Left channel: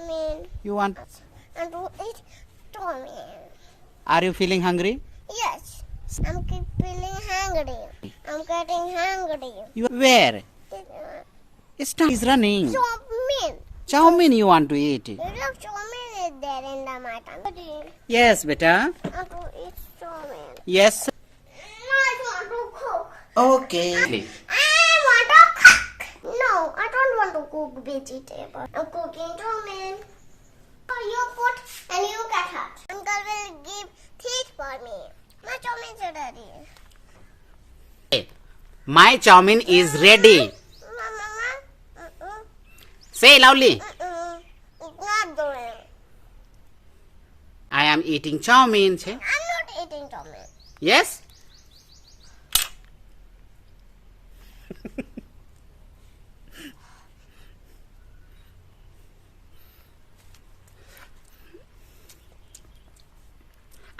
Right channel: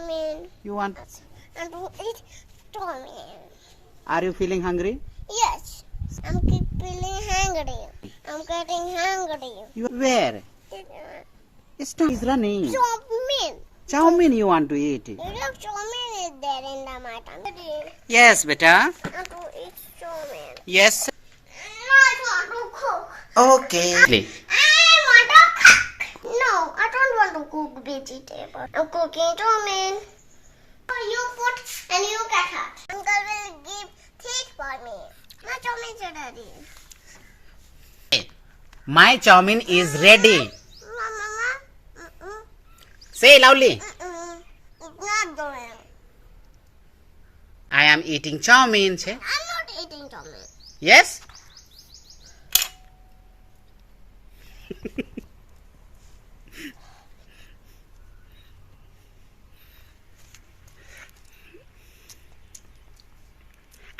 choumin. You want? I want to eat choumin. Are you feeling hungry? Yes. I'm keep feeling hungry. I'm getting hungry. You where? It's not. He's running. Choumin. Chowmin you want to eat? Look, choumin is there in the mutton. Yes, beta. I want to eat choumin. Yes. I want to cook. Okay. I want to cook. No, I don't want to cook vegetable. I'm cooking choumin. You put and you cut it. Uncle will give teeth for me. The choumin is ready. My chowmin is ready. Mama, Say loudly. it's not doing. I am eating chowmin. Say. I'm not eating choumin. Yes.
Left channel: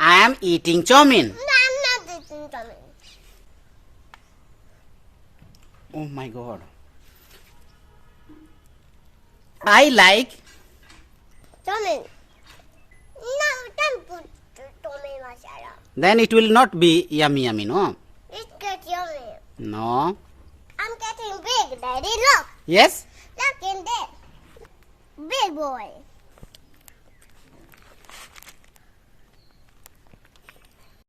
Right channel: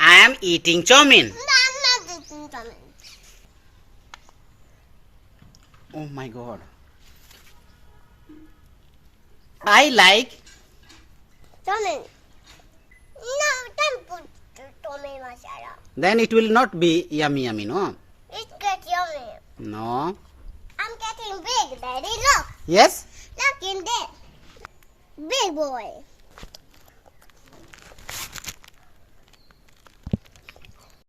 I am eating chowmin. No, I'm not eating choumin. Oh my God. I like. Choumin. No, don't put choumin masala. Then it will not be yummy, no? It gets yummy. No. I'm getting big, Daddy. Look. Yes? Look in there. Big boy.